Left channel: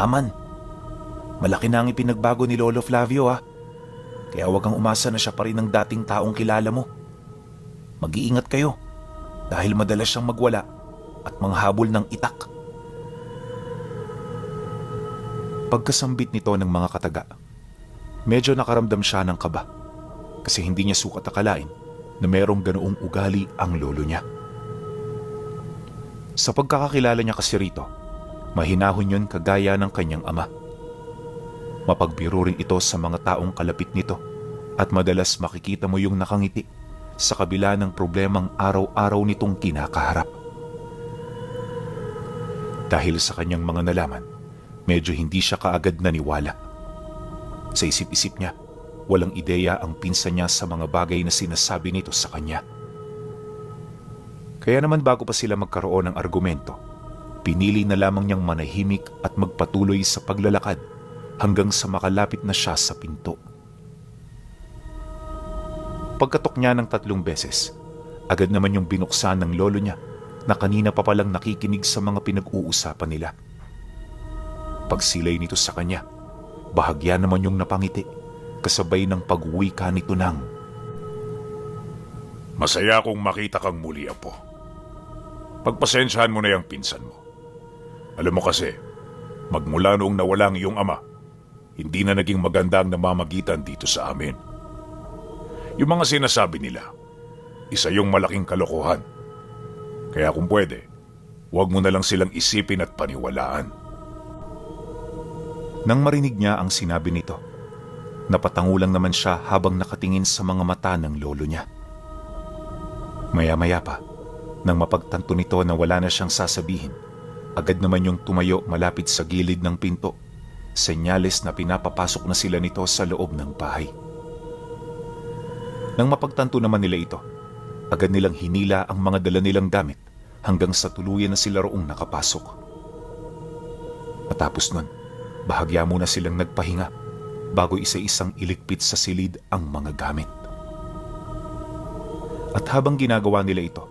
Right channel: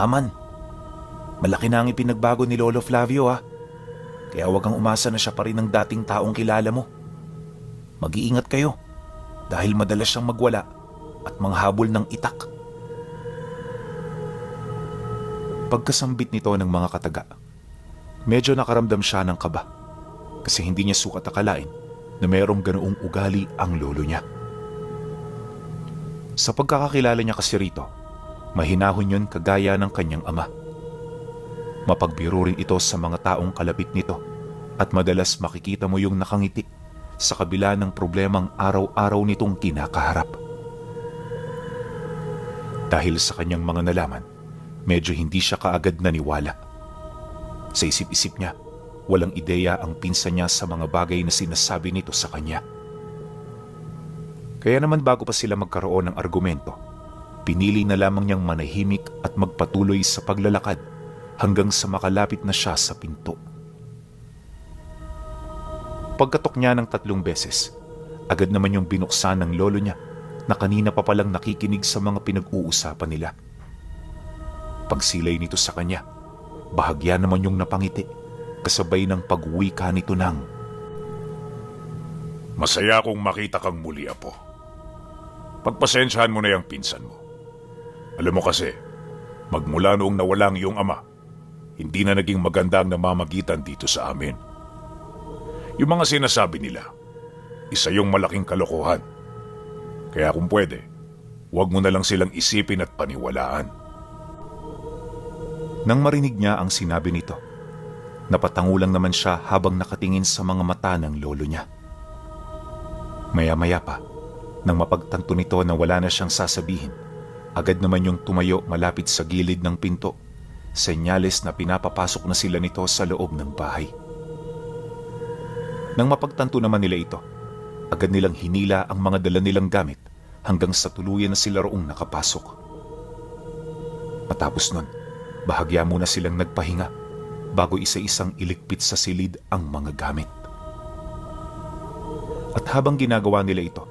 Aman, malaki na ang ipinagbago ni Lolo Flavio ha. Kaya huwag kang umasa na siya pa rin ang dating taong kilala mo. Mag-iingat kayo dahil madalas siyang magwala at manghabol ng itak. Pagkasambit nito ng mga kataga, medyo nakaramdam siya ng kaba kasi hindi niya sukat akalain na mayroong ganoong ugali ang lolo niya. Sa pagkakakilala niya kasi rito, mahinahon yun kagaya ng kanyang ama. Mapagbiro rin ito sa mga taong kalapit nito at madalas makikita mo yung nakangiti sa kabila ng problemang araw-araw nitong kinakaharap. Dahil sa kanyang mga nalaman, medyo hindi siya kaagad naniwala. Sa isip-isip niya, walang ideya ang pinsan niya sa mga bagay na sinasabi nito sa kanya. Kaya naman bago pa sila magkaroon ng argumento, pinili na lamang niyang manahimik at magpatuloy sa paglalakad hanggang sa makalapit na siya sa pinto. Pagkatok niya ng 3 beses, agad naman yung binuksan ng lolo niya na kanina pa palang nakikinig sa mga pinag-uusapan nila. Pagsilay nito sa kanya, bahagya naman yung napangiti kasabay ng pag-uwi ka nito ng, "Masaya akong makita kang muli, Apo. Pagpasensyahan mo na yung pinsan mo. Alam mo kasi, magmula noong nawala ang iyong ama, hindi na naging maganda ang namamagitan dito sa amin. Yung mga sinasabi nila, isa yung malaking kalokohan. Kaya kung pwede, huwag mo na lang silang isipin at paniwalaan." Nang marinig niya ang sinabi nito, napatangulang naman siya habang nakatingin sa mga mata ng lolo niya. Maya-maya pa, nang mapagtanto nito na wala na siyang sasabihin, agad naman yung tumayo malapit sa gilid ng pinto, senyales na pinapapasok na sila nito sa loob ng bahay. Nang mapagtanto naman nila ito, agad nilang hinila ang mga dala nilang gamit hanggang sa tuluyan na sila roong nakapasok. Matapos nun, bahagya muna silang nagpahinga bago isa-isang iligpit sa silid ang mga gamit. At habang ginagawa nila ito,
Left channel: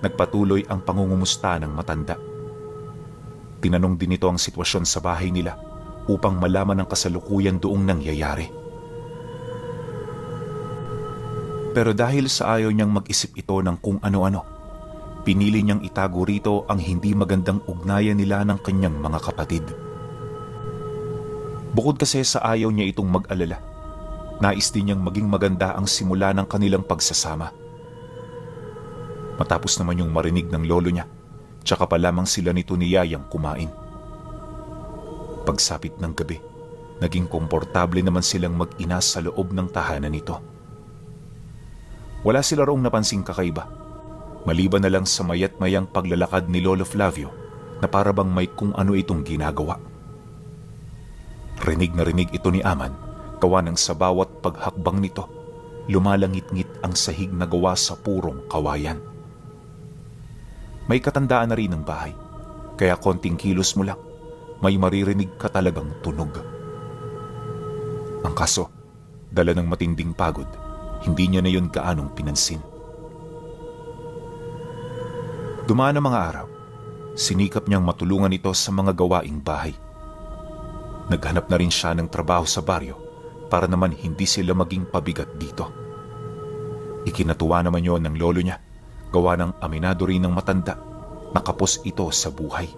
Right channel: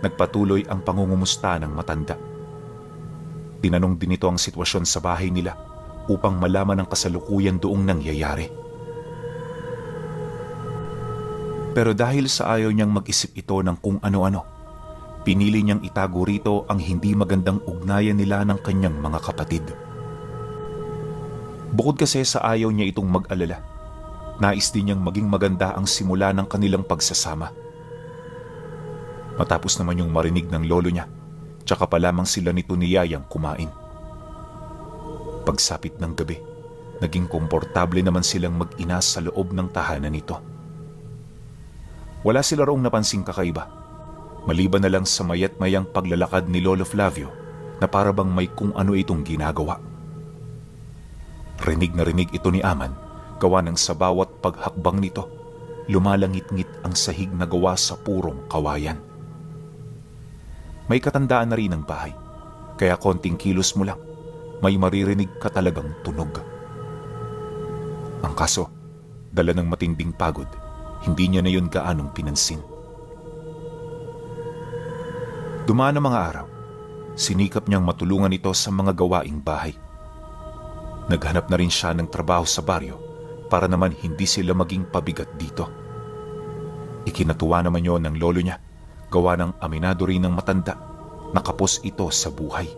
nagpatuloy ang pangungumusta ng matanda. Tinanong din ito ang sitwasyon sa bahay nila upang malaman ang kasalukuyan doong nangyayari. Pero dahil sa ayaw niyang mag-isip ito ng kung ano-ano, pinili niyang itago rito ang hindi magandang ugnayan nila ng kanyang mga kapatid. Bukod kasi sa ayaw niya itong mag-alala, nais din niyang maging maganda ang simula ng kanilang pagsasama. Matapos naman yung marinig ng lolo niya, tsaka pa lamang sila nito ni Yayang kumain. Pagsapit ng gabi, naging komportable naman silang mag-ina sa loob ng tahanan nito. Wala sila roong napansing kakaiba, maliban na lang sa mayat-mayang paglalakad ni Lolo Flavio na para bang may kung ano itong ginagawa. Rinig na rinig ito ni Aman, gawa ng sa bawat paghakbang nito, lumalangit-ngit ang sahig na gawa sa purong kawayan. May katandaan na rin ang bahay, kaya konting kilos mo lang, may maririnig ka talagang tunog. Ang kaso, dala ng matinding pagod, hindi niya na yun gaanong pinansin. Dumaan ang mga araw, sinikap niyang matulungan ito sa mga gawaing bahay. Naghanap na rin siya ng trabaho sa baryo para naman hindi sila maging pabigat dito. Ikinatuwa naman yon ng lolo niya, gawa ng aminado rin ng matanda, nakapos ito sa buhay.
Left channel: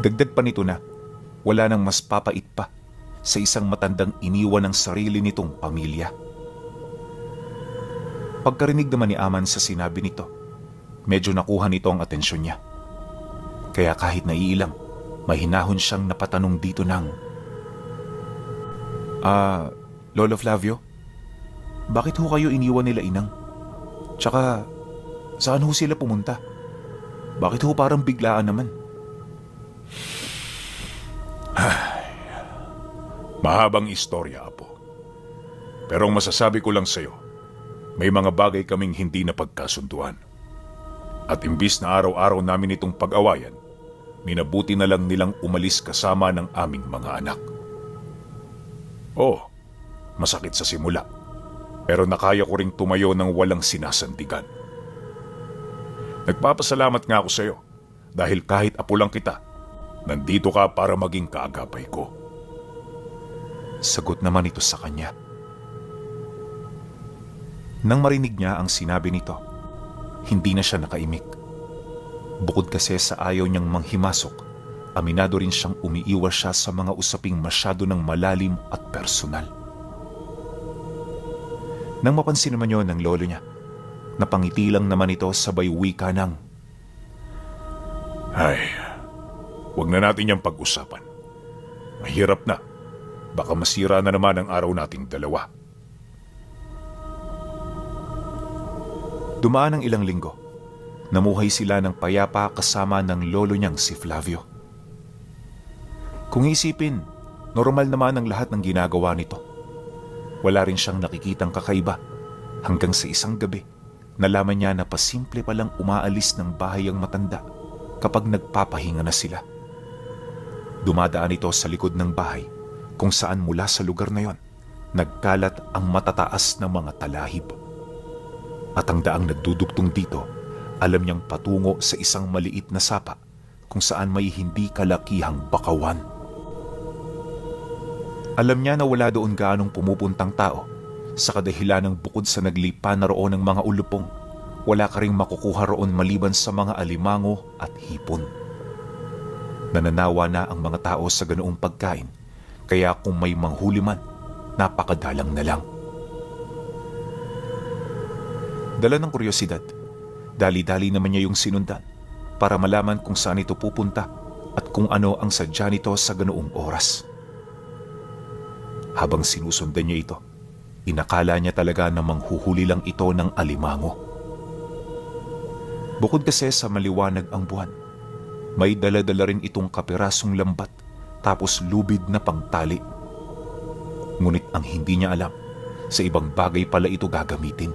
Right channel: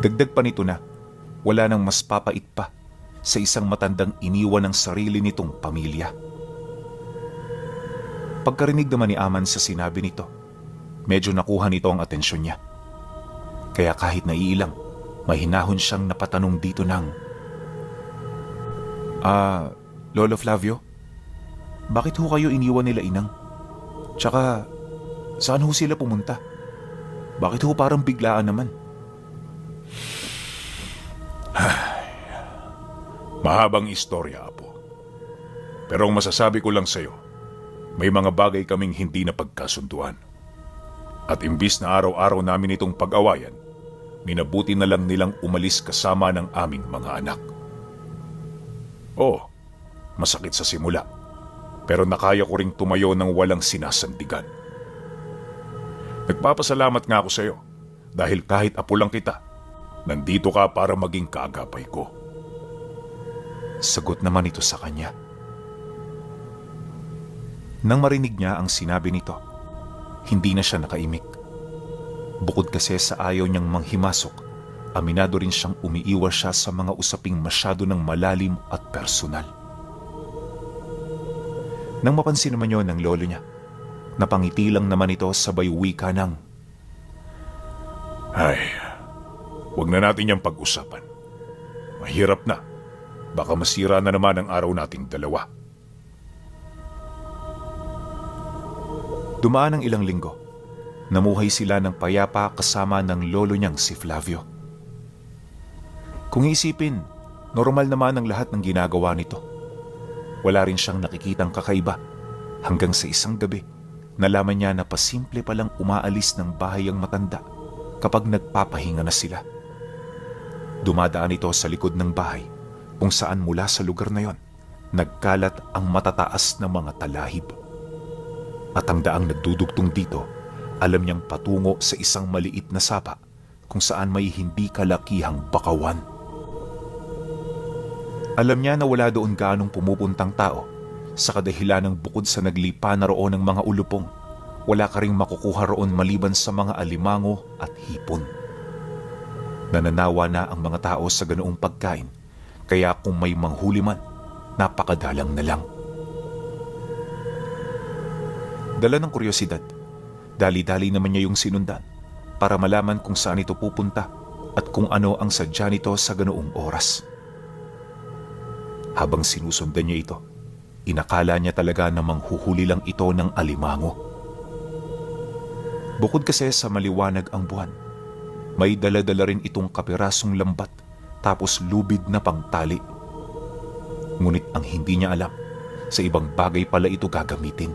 Dagdag pa nito na, wala nang mas papait pa sa isang matandang iniwan ng sarili nitong pamilya. Pagkarinig naman ni Aman sa sinabi nito, medyo nakuha nito ang atensyon niya. Kaya kahit naiilang, mahinahon siyang napatanong dito ng, Lolo Flavio, bakit ho kayo iniwan nila inang? Tsaka, saan ho sila pumunta? Bakit ho parang biglaan naman? Mahabang istorya, Apo. Pero ang masasabi ko lang sa'yo, may mga bagay kaming hindi na pagkasunduan. At imbis na araw-araw namin itong pag-awayan, minabuti na lang nilang umalis kasama ng aming mga anak. Oo, masakit sa simula, pero nakaya ko ring tumayo ng walang sinasandigan. Nagpapasalamat nga ako sa'yo dahil kahit apo lang kita, Nandito ka para maging kaagapay ko. Sagot naman ito sa kanya. Nang marinig niya ang sinabi nito, hindi na siya nakaimik. Bukod kasi sa ayaw niyang manghimasok, aminado rin siyang umiiwas siya sa mga usaping masyado ng malalim at personal. Nang mapansin naman yun ng lolo niya, napangiti lang naman ito sabay wika ng, Ay, huwag na natin yung pag-usapan. Mahirap na. Baka masira na naman ang araw nating dalawa. Dumaan ang ilang linggo. Namuhay sila ng payapa kasama ng lolo niyang si Flavio. Kung isipin, normal naman ang lahat ng ginagawa nito. Wala rin siyang nakikitang kakaiba hanggang sa isang gabi, nalaman niya na pasimple palang umaalis ng bahay ang matanda kapag nagpapahinga na sila. Dumadaan ito sa likod ng bahay kung saan mula sa lugar na yon, nagkalat ang matataas na mga talahib. At ang daang nagdudugtong dito, alam niyang patungo sa isang maliit na sapa kung saan may hindi kalakihang bakawan. Alam niya na wala doon gaanong pumupuntang tao sa kadahilan ng bukod sa naglipa na roon ng mga ulupong, wala ka ring makukuha roon maliban sa mga alimango at hipon. Nananawa na ang mga tao sa ganoong pagkain, kaya kung may manghuli man, napakadalang na lang. Dala ng kuryosidad, dali-dali naman niya yung sinundan para malaman kung saan ito pupunta at kung ano ang sadya nito sa ganoong oras. Habang sinusundan niya ito, inakala niya talaga na manghuhuli lang ito ng alimango. Bukod kasi sa maliwanag ang buwan, may dala-dala rin itong kapirasong lambat tapos lubid na pangtali. Ngunit ang hindi niya alam, sa ibang bagay pala ito gagamitin.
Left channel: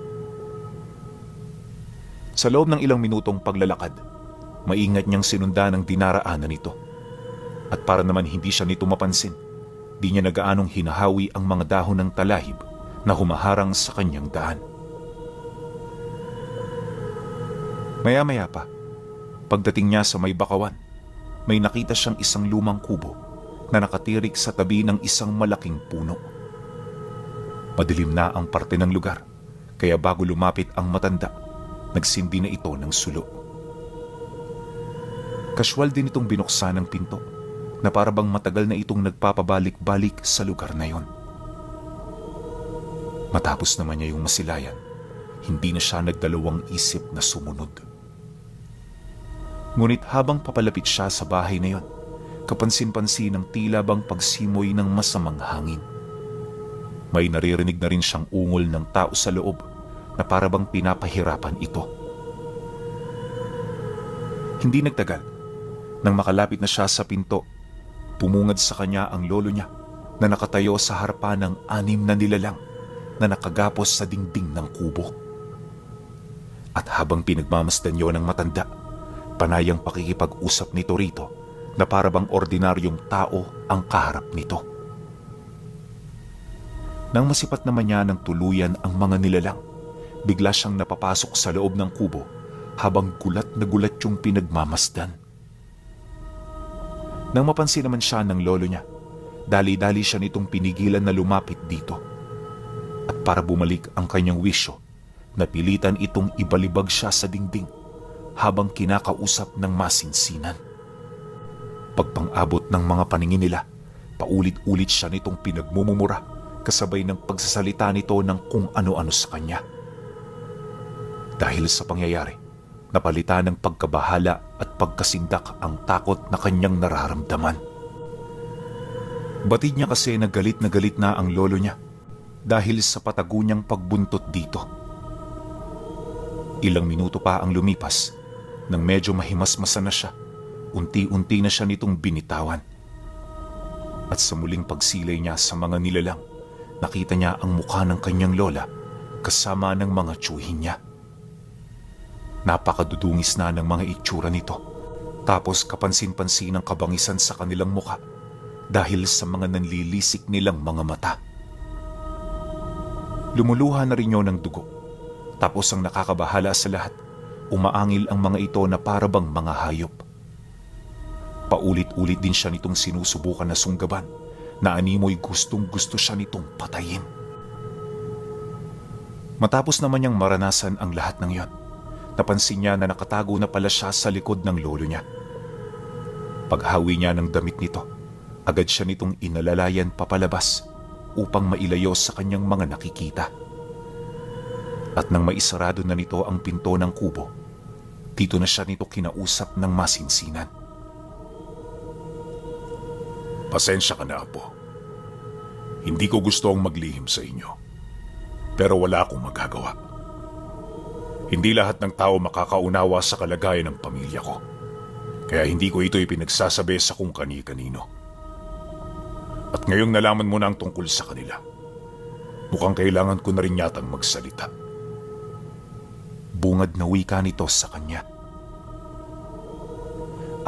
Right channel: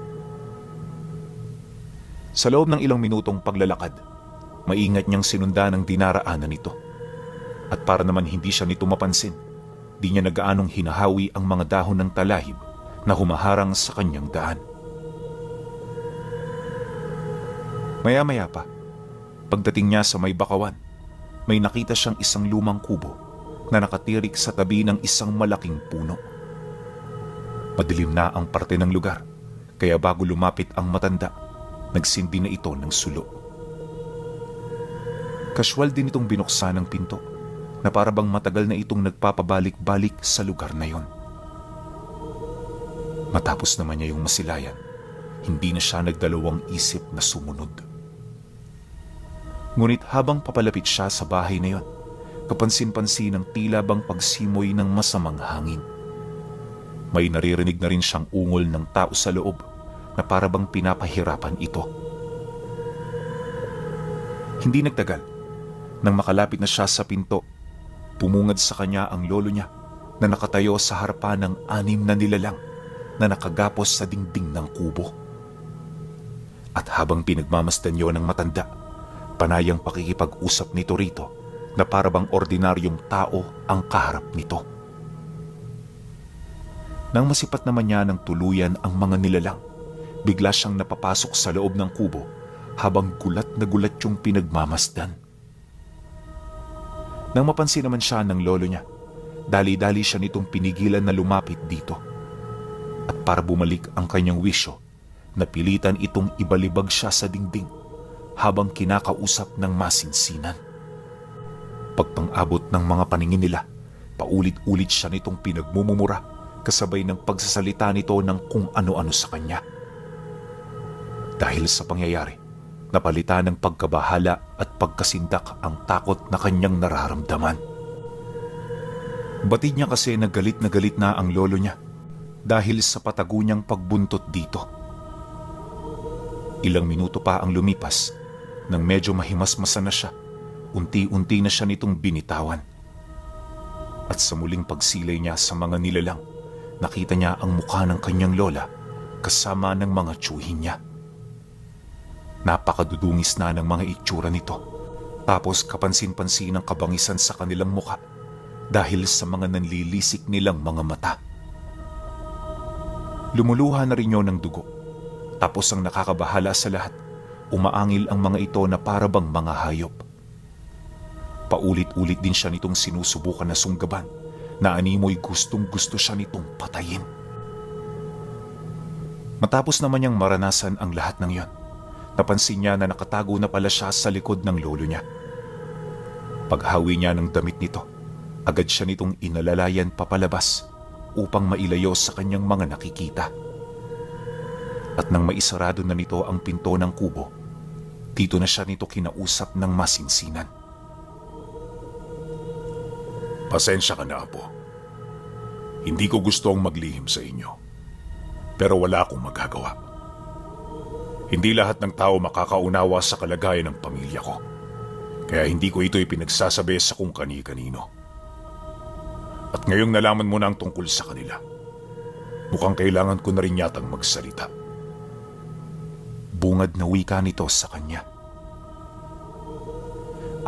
Sa loob ng ilang minutong paglalakad, maingat niyang sinundan ang dinaraanan nito. At para naman hindi siya nito mapansin, di niya nagaanong hinahawi ang mga dahon ng talahib na humaharang sa kanyang daan. Maya-maya pa, pagdating niya sa may bakawan, may nakita siyang isang lumang kubo na nakatirik sa tabi ng isang malaking puno. Padilim na ang parte ng lugar, kaya bago lumapit ang matanda, nagsindi na ito ng sulo. Kaswal din itong binuksan ng pinto na parabang matagal na itong nagpapabalik-balik sa lugar na yon. Matapos naman niya yung masilayan, hindi na siya nagdalawang isip na sumunod. Ngunit habang papalapit siya sa bahay na yon, kapansin-pansin ang tila bang pagsimoy ng masamang hangin. May naririnig na rin siyang ungol ng tao sa loob na parabang pinapahirapan ito. Hindi nagtagal, nang makalapit na siya sa pinto, pumungad sa kanya ang lolo niya na nakatayo sa harapan ng 6 na nilalang na nakagapos sa dingding ng kubo. At habang pinagmamasdan niyo ng matanda, panayang pakikipag-usap nito rito na parabang ordinaryong tao ang kaharap nito. Nang masipat naman niya ng tuluyan ang mga nilalang, bigla siyang napapasok sa loob ng kubo habang gulat na gulat yung pinagmamasdan. Nang mapansin naman siya ng lolo niya, dali-dali siya nitong pinigilan na lumapit dito. At para bumalik ang kanyang wisyo, napilitan itong ibalibag siya sa dingding habang kinakausap ng masinsinan. Pagpang-abot ng mga paningin nila, paulit-ulit siya nitong pinagmumumura kasabay ng pagsasalita nito ng kung ano-ano sa kanya. Dahil sa pangyayari, napalitan ng pagkabahala at pagkasindak ang takot na kanyang nararamdaman. Batid niya kasi na galit na ang lolo niya dahil sa patago niyang pagbuntot dito. Ilang minuto pa ang lumipas nang medyo mahimasmasan na siya, unti-unti na siya nitong binitawan. At sa muling pagsilay niya sa mga nilalang, nakita niya ang mukha ng kanyang lola kasama ng mga tiyuhin niya. Napakadudungis na ng mga itsura nito. Tapos kapansin-pansin ang kabangisan sa kanilang mukha dahil sa mga nanlilisik nilang mga mata. Lumuluha na rin yun ng dugo. Tapos ang nakakabahala sa lahat, umaangil ang mga ito na parabang mga hayop. Paulit-ulit din siya nitong sinusubukan na sunggaban na animoy gustong-gusto siya nitong patayin. Matapos naman niyang maranasan ang lahat ng iyon, napansin niya na nakatago na pala siya sa likod ng lolo niya. Paghawi niya ng damit nito, agad siya nitong inalalayan papalabas upang mailayo sa kanyang mga nakikita. At nang maisarado na nito ang pinto ng kubo, dito na siya nito kinausap ng masinsinan. Pasensya ka na, Apo. Hindi ko gustong maglihim sa inyo. Pero wala akong magagawa. Hindi lahat ng tao makakaunawa sa kalagayan ng pamilya ko. Kaya hindi ko ito ipinagsasabi sa kung kani-kanino. At ngayong nalaman mo na ang tungkol sa kanila, mukhang kailangan ko na rin yatang magsalita. Bungad na wika nito sa kanya.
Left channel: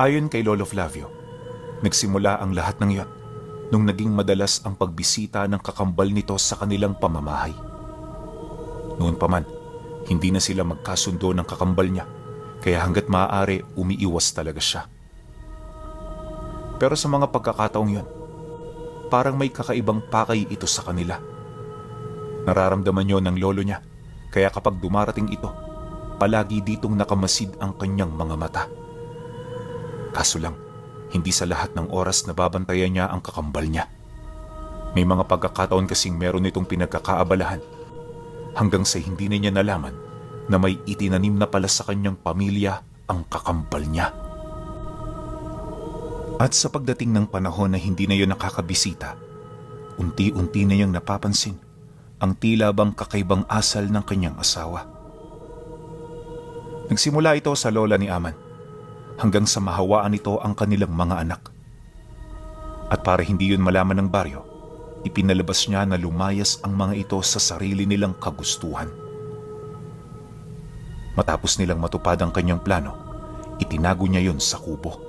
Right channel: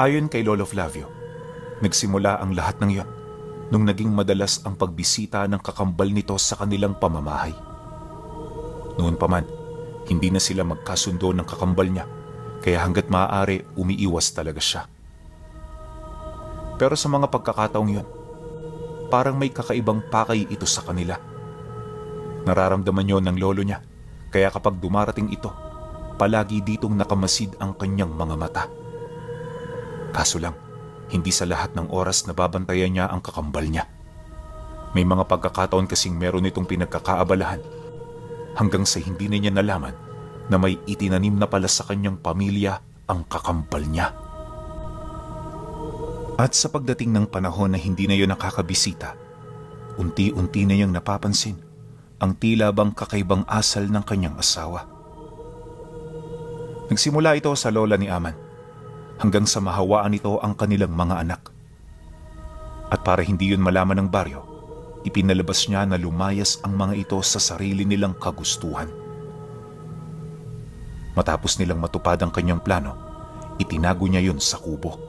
Ayon kay Lolo Flavio, nagsimula ang lahat ng iyon nung naging madalas ang pagbisita ng kakambal nito sa kanilang pamamahay. Noon pa man, hindi na sila magkasundo ng kakambal niya, kaya hanggat maaari umiiwas talaga siya. Pero sa mga pagkakataong yun, parang may kakaibang pakay ito sa kanila. Nararamdaman yon ng lolo niya, kaya kapag dumarating ito, palagi ditong nakamasid ang kanyang mga mata. Kaso lang, hindi sa lahat ng oras nababantayan niya ang kakambal niya. May mga pagkakataon kasing meron itong pinagkakaabalahan, hanggang sa hindi na niya nalaman na may itinanim na pala sa kanyang pamilya ang kakambal niya. At sa pagdating ng panahon na hindi na yun nakakabisita, unti-unti na niyang napapansin ang tila bang kakaibang asal ng kanyang asawa. Nagsimula ito sa lola ni Aman, hanggang sa mahawaan nito ang kanilang mga anak. At para hindi yun malaman ng baryo, ipinalabas niya na lumayas ang mga ito sa sarili nilang kagustuhan. Matapos nilang matupad ang kanyang plano, itinago niya yun sa kubo.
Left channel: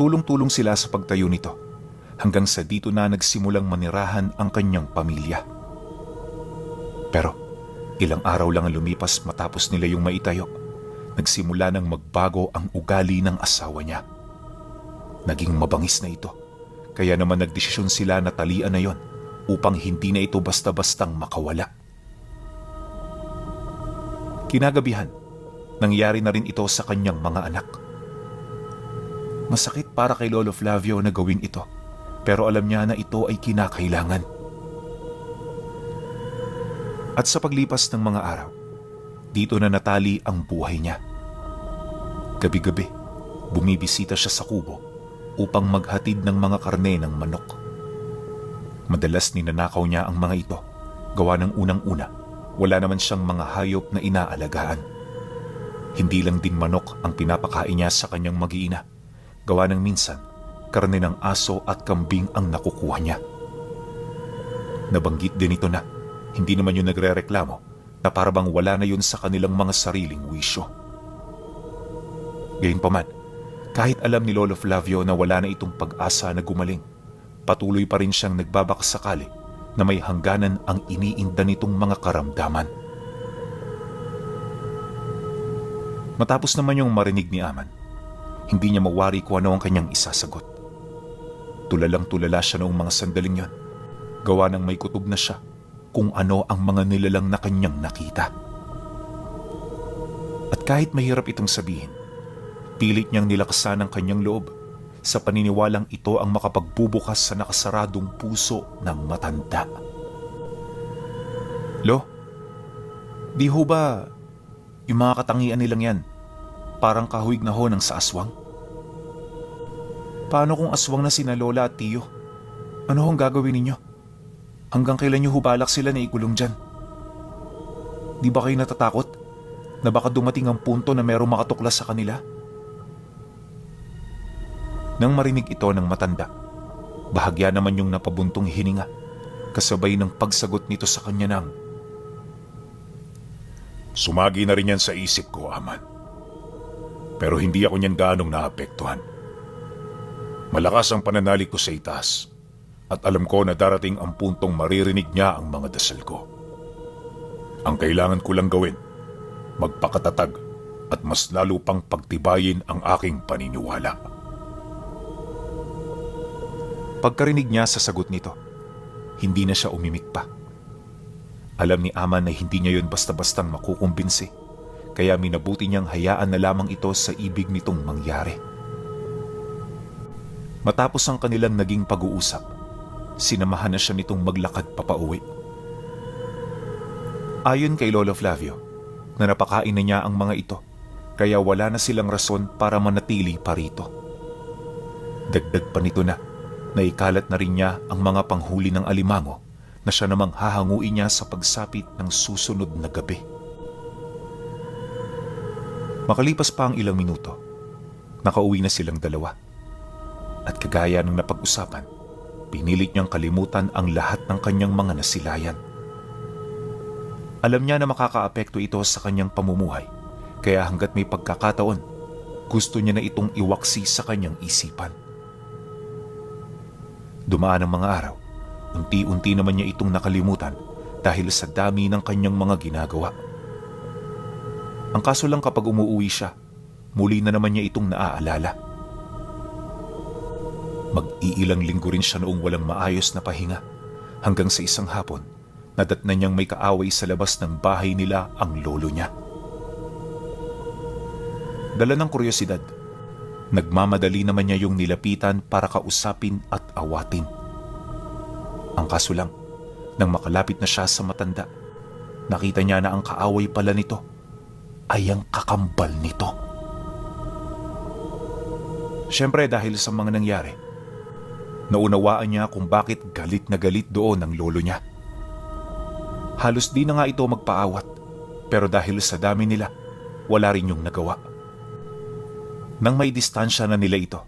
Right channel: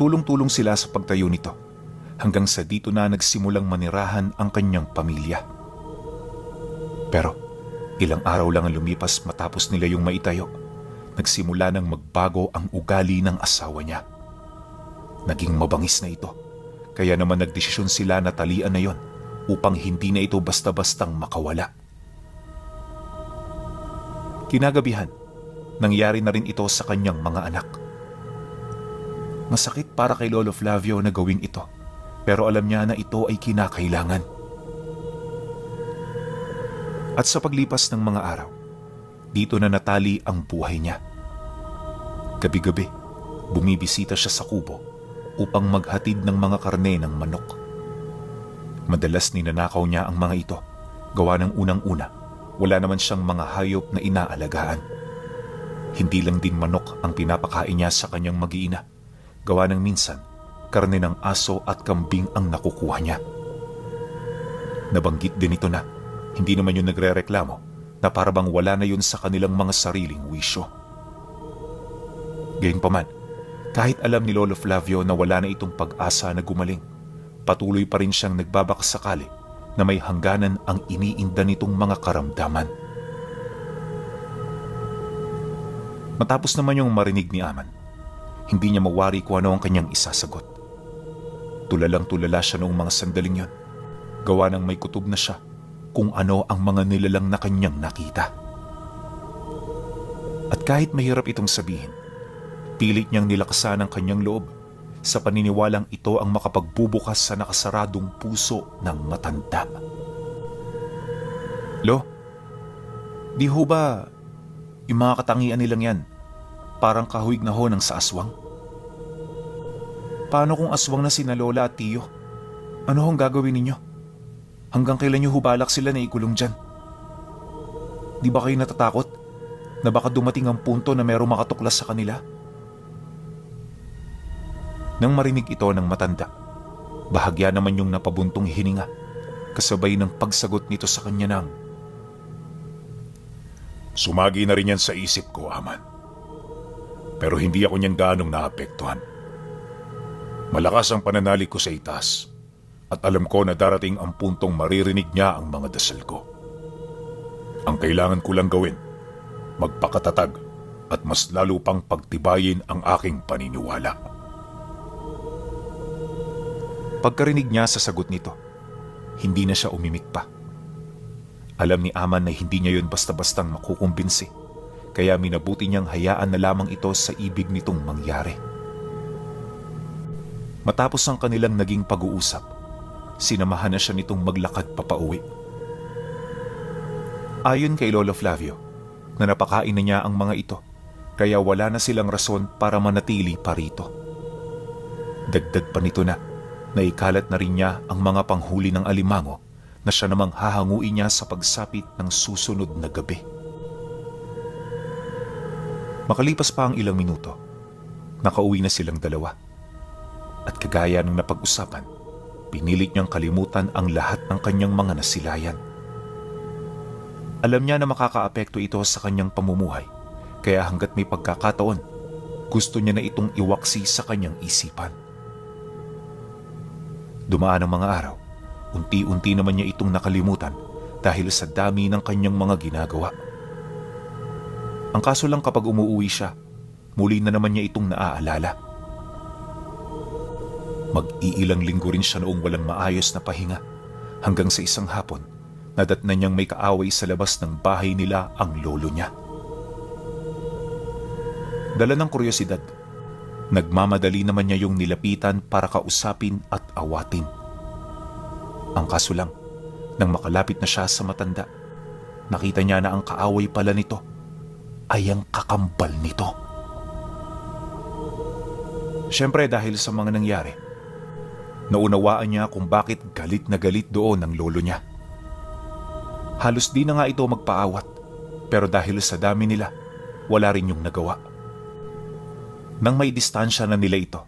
Tulong-tulong sila sa pagtayo nito, hanggang sa dito na nagsimulang manirahan ang kanyang pamilya. Pero ilang araw lang ang lumipas matapos nila yung maitayo, nagsimula nang magbago ang ugali ng asawa niya. Naging mabangis na ito, kaya naman nagdesisyon sila na talian na yon upang hindi na ito basta-bastang makawala. Kinagabihan, nangyari na rin ito sa kanyang mga anak. Masakit para kay Lolo Flavio na gawin ito, pero alam niya na ito ay kinakailangan. At sa paglipas ng mga araw, dito na natali ang buhay niya. Gabi-gabi, bumibisita siya sa kubo upang maghatid ng mga karne ng manok. Madalas ninanakaw niya ang mga ito, gawa ng unang-una, wala naman siyang mga hayop na inaalagaan. Hindi lang din manok ang pinapakain niya sa kanyang mag-iina, gawa ng minsan, karne ng aso at kambing ang nakukuha niya. Nabanggit din ito na hindi naman yun nagre-reklamo na parabang wala na yun sa kanilang mga sariling wisyo. Gayunpaman, kahit alam ni Lolo Flavio na wala na itong pag-asa na gumaling, patuloy pa rin siyang nagbabakasakali na may hangganan ang iniinda nitong mga karamdaman. Matapos naman yung marinig ni Aman, hindi niya mawari kung ano ang kanyang isasagot. Tulalang-tulala siya noong mga sandaling yun, gawa ng may kutob na siya kung ano ang mga nilalang na kanyang nakita. At kahit mahirap itong sabihin, pilit niyang nilakasan ang kanyang loob sa paniniwalang ito ang makapagbubukas sa nakasaradong puso ng matanda. Lo, di ho ba yung mga katangian nilang yan parang kahuig na ho ng sa aswang? Paano kung aswang na sina Lola at Tiyo? Ano ang gagawin ninyo? Hanggang kailan niyo hubalak sila na ikulong dyan? Di ba kayo natatakot na baka dumating ang punto na merong makatuklas sa kanila? Nang marinig ito ng matanda, bahagya naman yung napabuntong hininga, kasabay ng pagsagot nito sa kanya ng, Sumagi na rin yan sa isip ko, Aman. Pero hindi ako niyan gaanong naapektuhan. Malakas ang pananalig ko sa itaas, at alam ko na darating ang puntong maririnig niya ang mga dasal ko. Ang kailangan ko lang gawin, magpakatatag at mas lalo pang pagtibayin ang aking paniniwala. Pagkarinig niya sa sagot nito, hindi na siya umimik pa. Alam ni Aman na hindi niya yon basta-bastang makukumbinsi, kaya minabuti niyang hayaan na lamang ito sa ibig nitong mangyari. Matapos ang kanilang naging pag-uusap, sinamahan na siya nitong maglakad papauwi. Ayon kay Lolo Flavio, na napakain na niya ang mga ito, kaya wala na silang rason para manatili pa rito. Dagdag pa nito na naikalat na rin niya ang mga panghuli ng alimango na siya namang hahanguin niya sa pagsapit ng susunod na gabi. Makalipas pa ang ilang minuto, nakauwi na silang dalawa. At kagaya ng napag-usapan, pinilit niyang kalimutan ang lahat ng kanyang mga nasilayan. Alam niya na makakaapekto ito sa kanyang pamumuhay, kaya hanggat may pagkakataon, gusto niya na itong iwaksi sa kanyang isipan. Dumaan ang mga araw, unti-unti naman niya itong nakalimutan dahil sa dami ng kanyang mga ginagawa. Ang kaso lang kapag umuwi siya, muli na naman niya itong naaalala. Mag-iilang linggo rin siya noong walang maayos na pahinga, hanggang sa isang hapon, nadatnan niyang may kaaway sa labas ng bahay nila ang lolo niya. Dala ng kuryosidad, nagmamadali naman niya yung nilapitan para kausapin at awatin. Ang kaso lang, nang makalapit na siya sa matanda, nakita niya na ang kaaway pala nito ay ang kakambal nito. Siyempre dahil sa mga nangyari, naunawaan niya kung bakit galit na galit doon ang lolo niya. Halos di na nga ito magpaawat, pero dahil sa dami nila, wala rin yung nagawa. Nang may distansya na nila ito,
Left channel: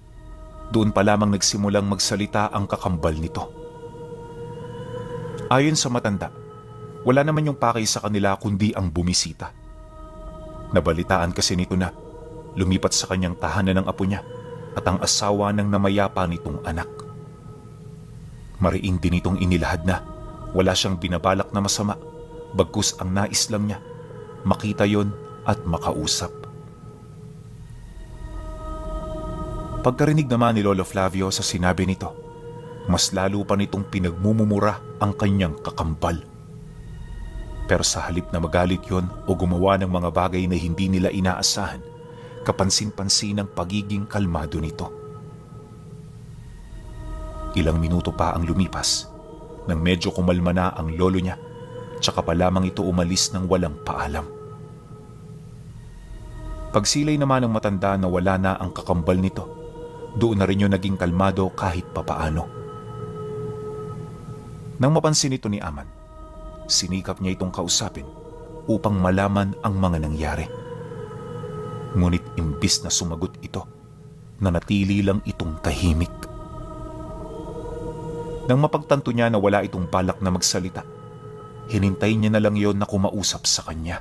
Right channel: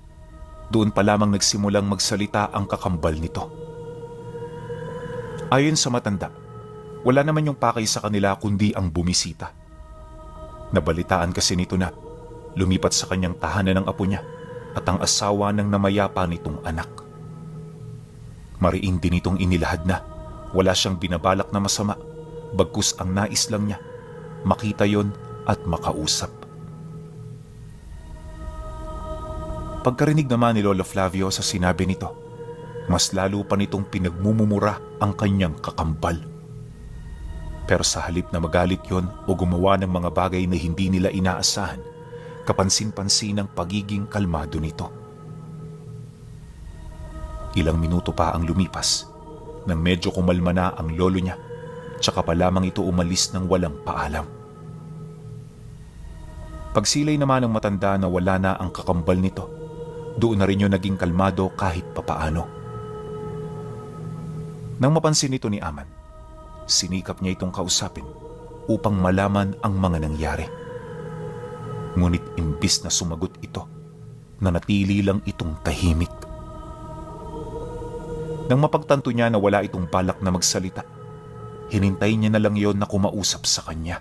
doon pa lamang nagsimulang magsalita ang kakambal nito. Ayon sa matanda, wala naman yung pakay sa kanila kundi ang bumisita. Nabalitaan kasi nito na lumipat sa kanyang tahanan ng apo niya at ang asawa ng namayapa nitong anak. Mariin din itong inilahad na wala siyang binabalak na masama, bagkus ang nais lang niya, makita yon at makausap. Pagkarinig naman ni Lolo Flavio sa sinabi nito, mas lalo pa nitong pinagmumumura ang kanyang kakambal. Pero sa halip na magalit yon o gumawa ng mga bagay na hindi nila inaasahan, kapansin-pansin ang pagiging kalmado nito. Ilang minuto pa ang lumipas nang medyo kumalma na ang lolo niya, tsaka pa lamang ito umalis ng walang paalam. Pagsilay naman ng matanda na wala na ang kakambal nito, doon na rin yung naging kalmado kahit papaano. Nang mapansin ito ni Aman, sinikap niya itong kausapin upang malaman ang mga nangyari. Ngunit imbis na sumagot ito, nanatili lang itong tahimik. Nang mapagtanto niya na wala itong balak na magsalita, hinintay niya na lang yon na kumausap sa kanya.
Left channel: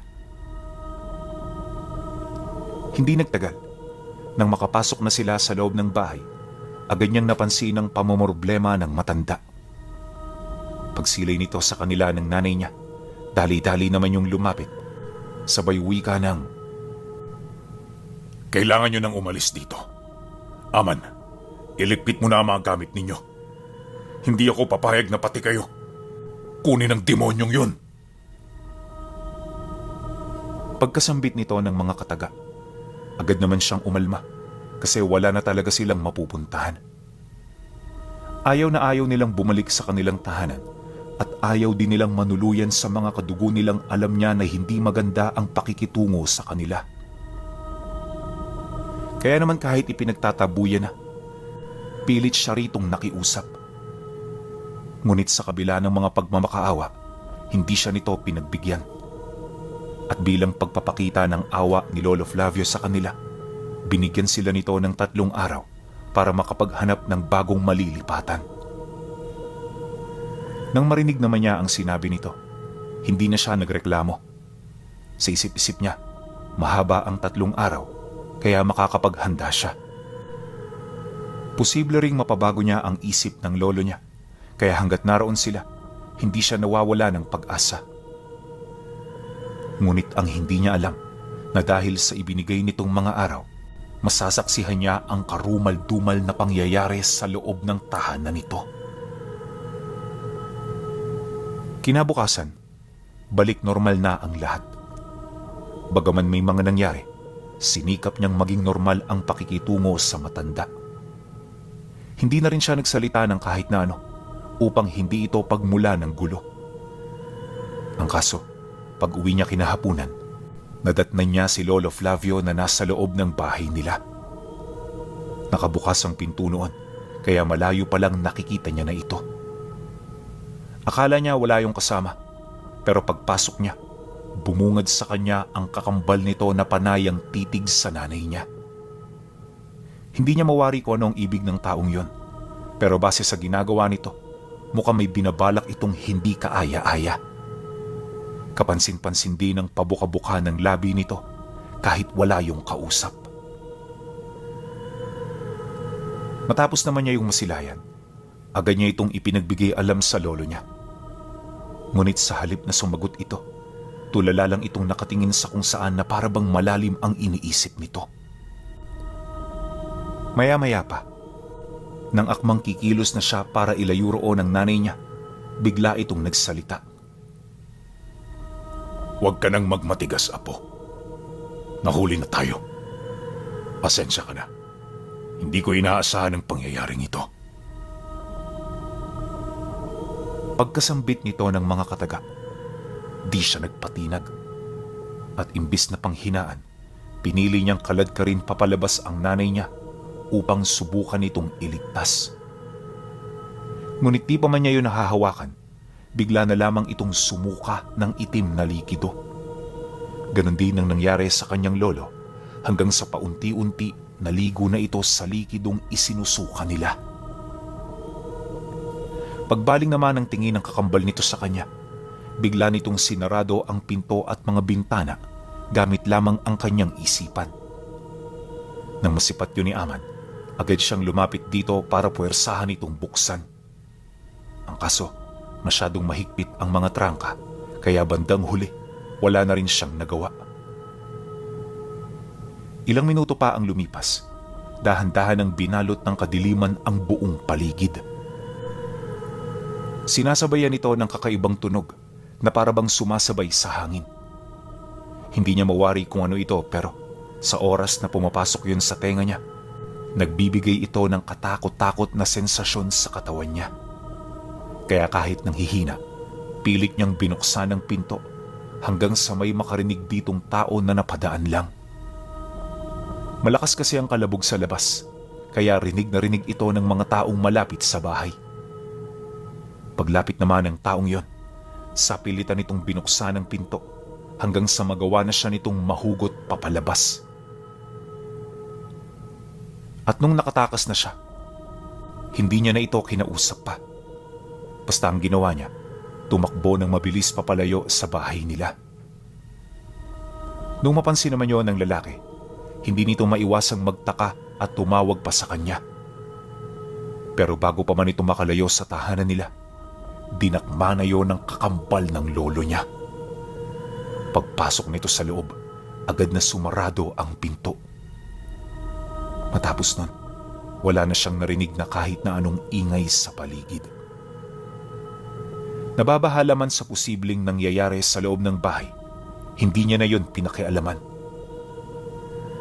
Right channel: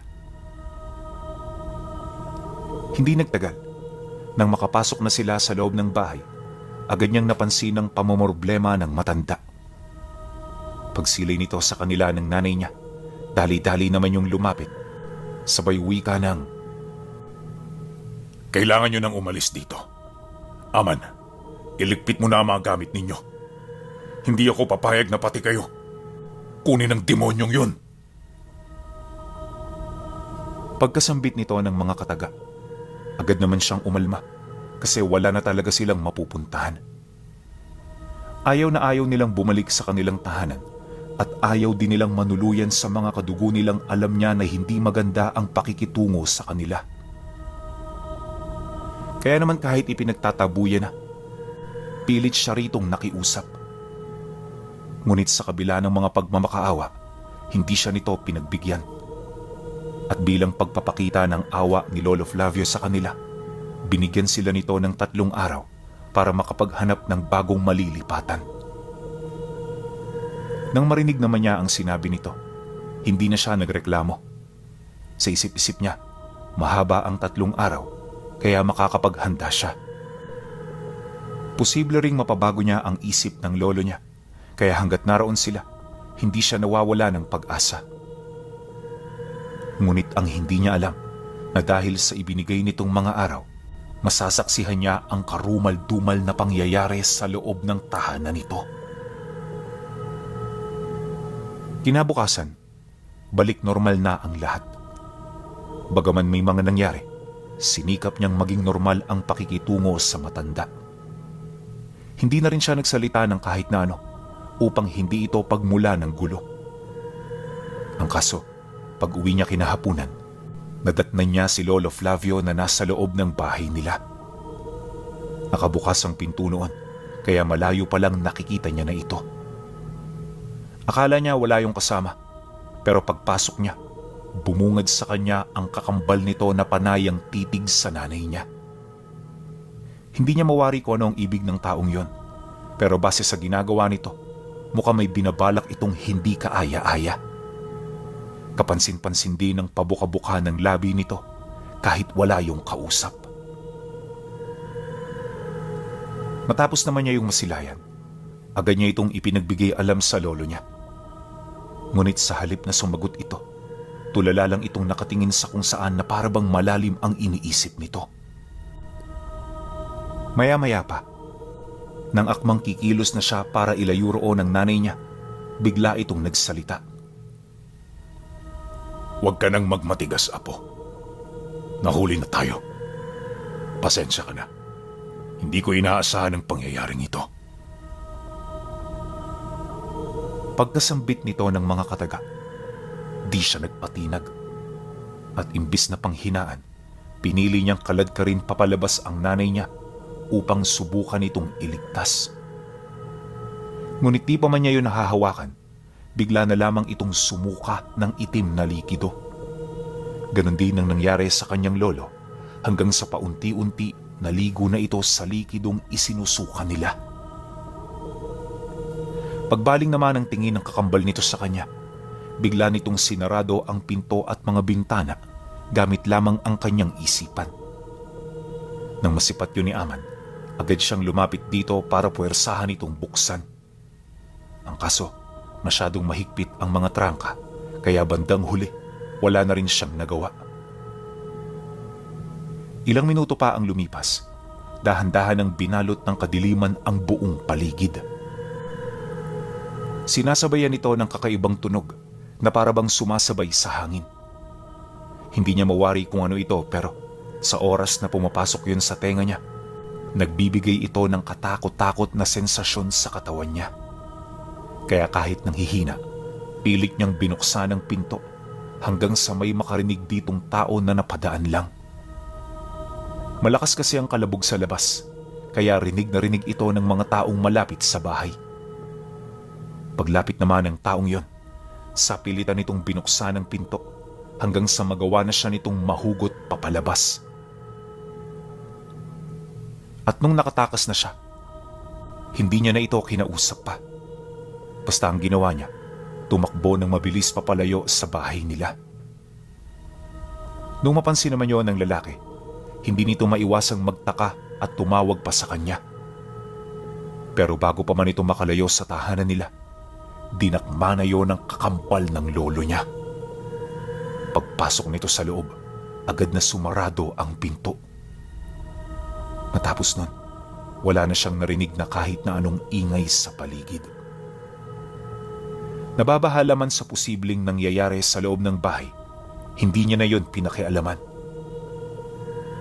Hindi nagtagal. Nang makapasok na sila sa loob ng bahay, agad niyang napansin ang pamamroblema ng matanda. Pagsilay nito sa kanila ng nanay niya, dali-dali naman yung lumapit. Sabay wika ng, "Kailangan nyo nang umalis dito. Aman, iligpit mo na ang mga gamit ninyo. Hindi ako papayag na pati kayo kunin ang demonyong yun." Pagkasambit nito ng mga kataga, agad naman siyang umalma kasi wala na talaga silang mapupuntahan. Ayaw na ayaw nilang bumalik sa kanilang tahanan at ayaw din nilang manuluyan sa mga kadugo nilang alam niya na hindi maganda ang pakikitungo sa kanila. Kaya naman kahit ipinagtatabuyan na, pilit siya ritong nakiusap. Ngunit sa kabila ng mga pagmamakaawa, hindi siya nito pinagbigyan. At bilang pagpapakita ng awa ni Lolo Flavio sa kanila, binigyan sila nito ng 3 araw para makapaghanap ng bagong malilipatan. Nang marinig naman niya ang sinabi nito, hindi na siya nagreklamo. Sa isip-isip niya, mahaba ang 3 araw, kaya makakapaghanda siya. Posible ring mapabago niya ang isip ng lolo niya, kaya hanggat naroon sila, hindi siya nawawala ng pag-asa. Ngunit ang hindi niya alam, na dahil sa ibinigay nitong mga araw, masasaksihan niya ang karumal-dumal na pangyayari sa loob ng tahanan nito. Kinabukasan, balik normal na ang lahat. Bagaman may mga nangyari, sinikap niyang maging normal ang pakikitungo sa matanda. Hindi na rin siya nagsalita ng kahit na ano upang hindi ito pagmula ng gulo. Ang kaso, pag uwi niya kinahapunan, nadatnan niya si Lolo Flavio na nasa loob ng bahay nila. Nakabukas ang pinto noon, kaya malayo pa lang nakikita niya na ito. Akala niya wala yung kasama, pero pagpasok niya, bumungad sa kanya ang kakambal nito na panayang titig sa nanay niya. Hindi niya mawari kung ano ang ibig ng taong yon, pero base sa ginagawa nito, mukhang may binabalak itong hindi kaaya-aya. Kapansin-pansin din ang pabuka-buka ng labi nito kahit wala yung kausap. Matapos naman niya yung masilayan, agad niya itong ipinagbigay alam sa lolo niya. Ngunit sa halip na sumagot ito, tulala lang itong nakatingin sa kung saan na parabang malalim ang iniisip nito. Maya-maya pa, nang akmang kikilos na siya para ilayo roon ang nanay niya, bigla itong nagsalita. Huwag ka nang magmatigas, Apo. Nahuli na tayo. Pasensya ka na. Hindi ko inaasahan ang pangyayaring ito. Pagkasambit nito ng mga kataga, di siya nagpatinag. At imbis na panghinaan, pinili niyang kalad ka rin papalabas ang nanay niya upang subukan itong iligtas. Ngunit di pa man niya yun nahahawakan, bigla na lamang itong sumuka ng itim na likido. Ganon din ang nangyari sa kanyang lolo hanggang sa paunti-unti naligo na ito sa likidong isinusuka nila. Pagbaling naman ang tingin ng kakambal nito sa kanya, bigla nitong sinarado ang pinto at mga bintana gamit lamang ang kanyang isipan. Nang masipat yun ni Aman, agad siyang lumapit dito para puwersahan itong buksan. Ang kaso, masyadong mahigpit ang mga trangka, kaya bandang huli, wala na rin siyang nagawa. Ilang minuto pa ang lumipas, dahan-dahan ang binalot ng kadiliman ang buong paligid. Sinasabayan ito ng kakaibang tunog na parabang sumasabay sa hangin. Hindi niya mawari kung ano ito, pero sa oras na pumapasok yun sa tenga niya, nagbibigay ito ng katakot-takot na sensasyon sa katawan niya. Kaya kahit nanghihina, pilit niyang binuksan ang pinto hanggang sa may makarinig ditong tao na napadaan lang. Malakas kasi ang kalabog sa labas, kaya rinig na rinig ito ng mga taong malapit sa bahay. Paglapit naman ng taong yon, sapilitan itong binuksan ang pinto hanggang sa magawa na siya nitong mahugot papalabas. At nung nakatakas na siya, hindi niya na ito kinausap pa. Basta ang ginawa niya, tumakbo ng mabilis papalayo sa bahay nila. Nung mapansin naman yon ng lalaki, hindi nito maiwasang magtaka at tumawag pa sa kanya. Pero bago pa man ito makalayo sa tahanan nila, dinakma na yon ng kakambal ng lolo niya. Pagpasok nito sa loob, agad na sumarado ang pinto. Matapos nun, wala na siyang narinig na kahit na anong ingay sa paligid. Nababahala man sa posibleng nangyayari sa loob ng bahay, hindi niya na yun pinakialaman.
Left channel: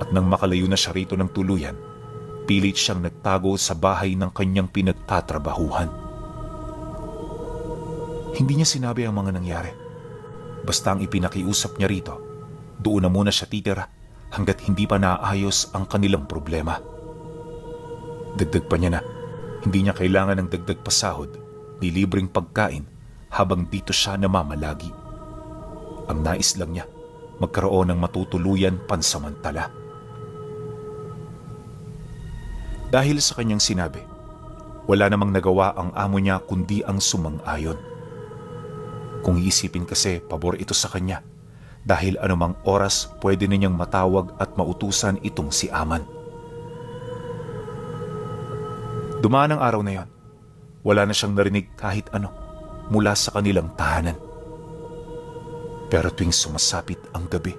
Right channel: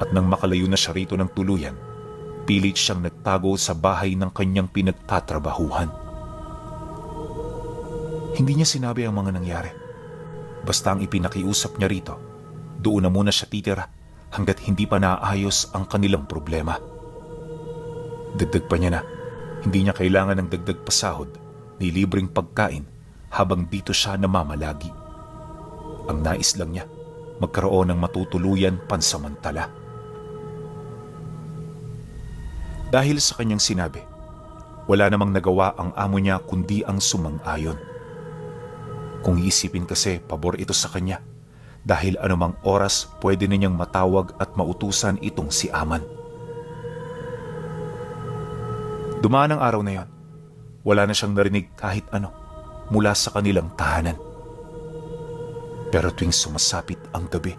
At nang makalayo na siya rito ng tuluyan, pilit siyang nagtago sa bahay ng kanyang pinagtatrabahuhan. Hindi niya sinabi ang mga nangyari. Basta ang ipinakiusap niya rito, doon na muna siya titira hanggat hindi pa naayos ang kanilang problema. Dagdag pa niya na, hindi niya kailangan ng dagdag pasahod, ni libreng pagkain habang dito siya namamalagi. Ang nais lang niya, magkaroon ng matutuluyan pansamantala. Dahil sa kanyang sinabi, wala namang nagawa ang amo niya kundi ang sumang-ayon. Kung iisipin kasi, pabor ito sa kanya, dahil anumang oras pwede na niyang matawag at mautusan itong si Aman. Dumaan ang araw na yon, wala na siyang narinig kahit ano mula sa kanilang tahanan. Pero tuwing sumasapit ang gabi,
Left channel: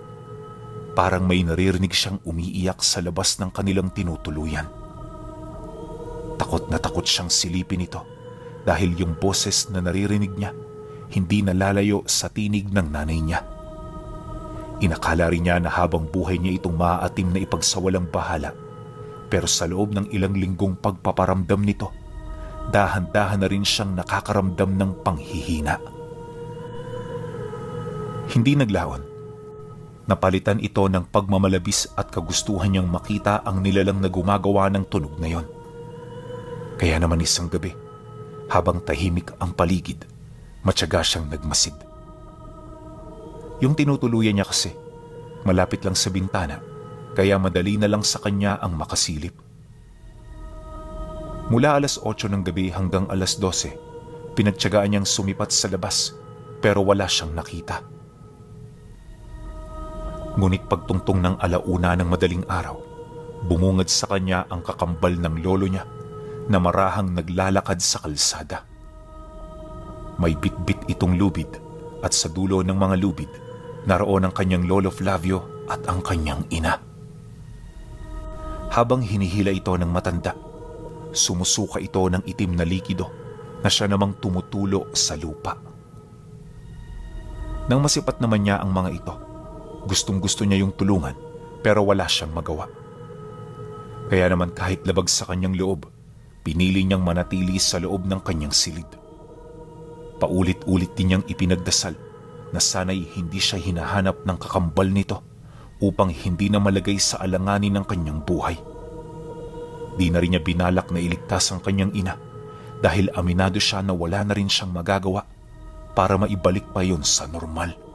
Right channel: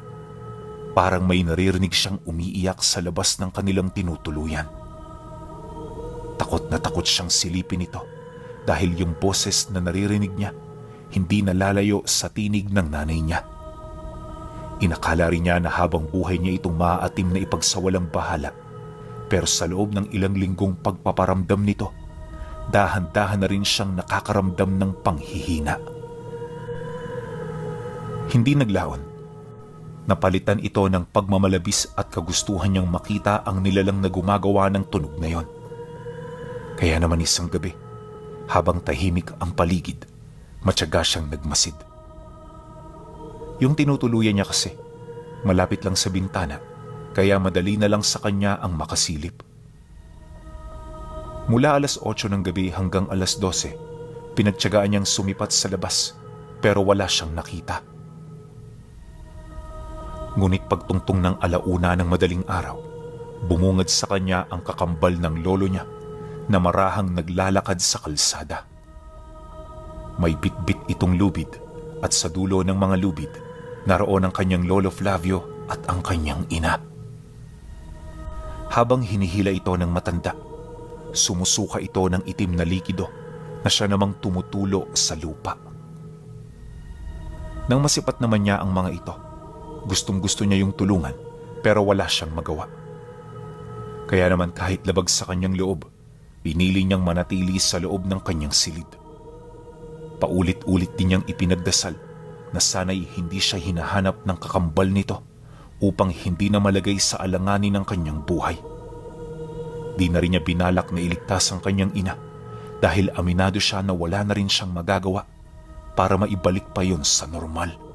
parang may naririnig siyang umiiyak sa labas ng kanilang tinutuluyan. Takot na takot siyang silipin ito dahil yung boses na naririnig niya hindi nalalayo sa tinig ng nanay niya. Inakala rin niya na habang buhay niya itong maaatim na ipagsawalang bahala. Pero sa loob ng ilang linggong pagpaparamdam nito, dahan-dahan na rin siyang nakakaramdam ng panghihina. Hindi naglaon. Napalitan ito ng pagmamalabis at kagustuhan niyang makita ang nilalang na gumagawa ng tunog na yon. Kaya naman isang gabi, habang tahimik ang paligid, matyaga siyang nagmasid. Yung tinutuluyan niya kasi, malapit lang sa bintana, kaya madali na lang sa kanya ang makasilip. Mula alas 8 ng gabi hanggang alas 12, pinagtyagaan niyang sumipat sa labas, pero wala siyang nakita. Ngunit pagtungtong ng alauna ng madaling araw, bumungad sa kanya ang kakambal ng lolo niya na marahang naglalakad sa kalsada. May bitbit itong lubid at sa dulo ng mga lubid, naroon ang kanyang lolo Flavio at ang kanyang ina. Habang hinihila ito ng matanda, sumusuka ito ng itim na likido na siya namang tumutulo sa lupa. Nang masipat naman niya ang mga ito, gustong-gusto niya yung tulungan pero wala siyang magawa. Kaya naman kahit labag sa kanyang loob, pinili niyang manatili sa loob ng kanyang silid. Paulit-ulit din niyang ipinagdasal na sana'y hindi siya hinahanap ng kakambal nito upang hindi na malagay sa alanganin ng kanyang buhay. Di na rin niya binalak na iligtas ang kanyang ina dahil aminado siya na wala na rin siyang magagawa para maibalik pa yon sa normal.